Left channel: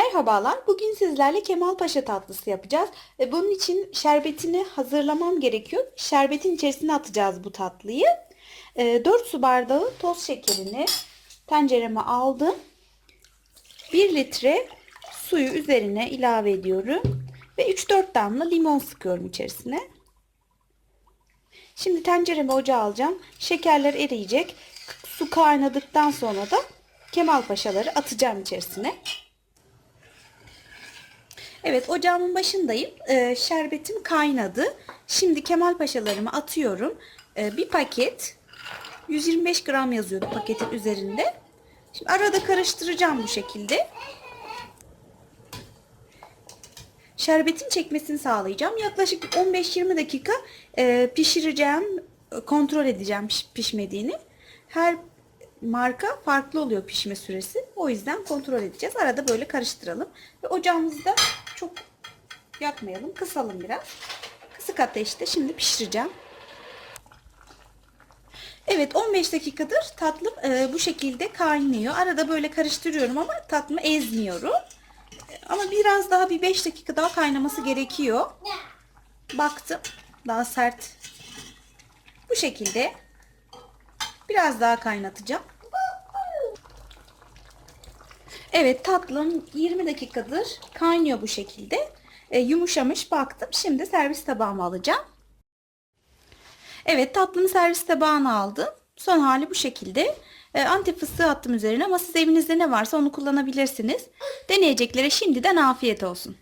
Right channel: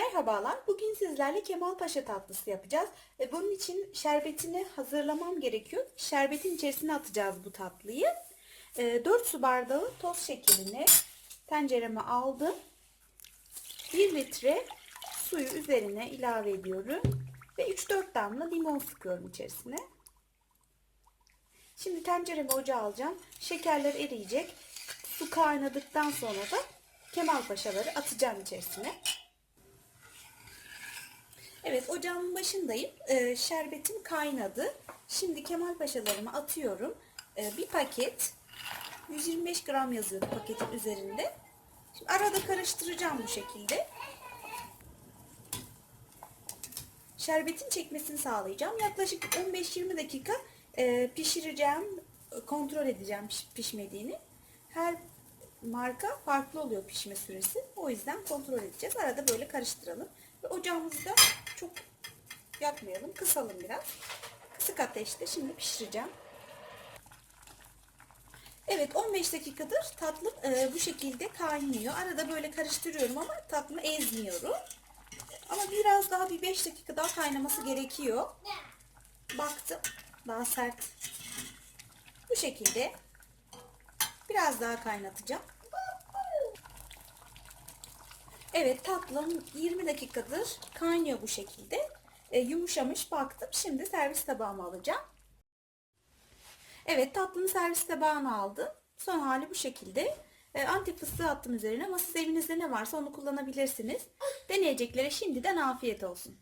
Merhabalar. Bugün sizlerle Kemalpaşa tatlısı yapacağız. Ve bunun için şerbetini hazırlamam gerekiyor. Şerbetin içerisine atacağız bu tatlıyı. 4 su bardağı toz şekerini tencereme aldım. 1 litre suyu üzerine ilave ediyorum. Ve 3-4 damla limon sıkıyorum içerisine. Şimdi tencereme ocağa alacağım. Şekerler eriyecek. Su kaynadıktan sonra da Kemalpaşaları atacağım içerisine. Evet ocağımın başındayım. Ee, şerbetim kaynadı. Şimdi Kemal Paşalarımı atıyorum. Ee, bir paket 125 gram yazıyordu paketin üzerinde. Şimdi arada karıştıracağım bu şekilde. Şerbetin çekmesini sağlayacağım. Yaklaşık 15-20 dakika e, pişireceğim. Kontrol edeceğim piş- pişmediğini. Her marka farklı oluyor pişme süresi. O yüzden kontrol edeceğiz. Arada böyle karıştıralım. Ve ocağımızı yakmayalım. Kısalım biraz. Kısık ateşte şimdi pişireceğim. Evet 15 dakikadır tatlım e, bu şekilde kaynıyor. Arada böyle karıştırıyorum ama tatlımı ezmiyorum. E, Ama biraz daha bir 5 dakika daha kaynaması gerekiyor. Baktım daha sert. Bu şekilde biraz daha kaynatacağım. Evet tatlım 20 dakikadır kaynıyor bu şekilde. E, yumuşamış baktım. Şimdi servis tabağıma alacağım. Evet tatlımı servis tabağına aldım. Son hali bu şekilde. E, antep fıstığı attım üzerine ama siz evinizde ne varsa onu kullanabilirsiniz. Deneyeceklere şimdiden afiyet olsun.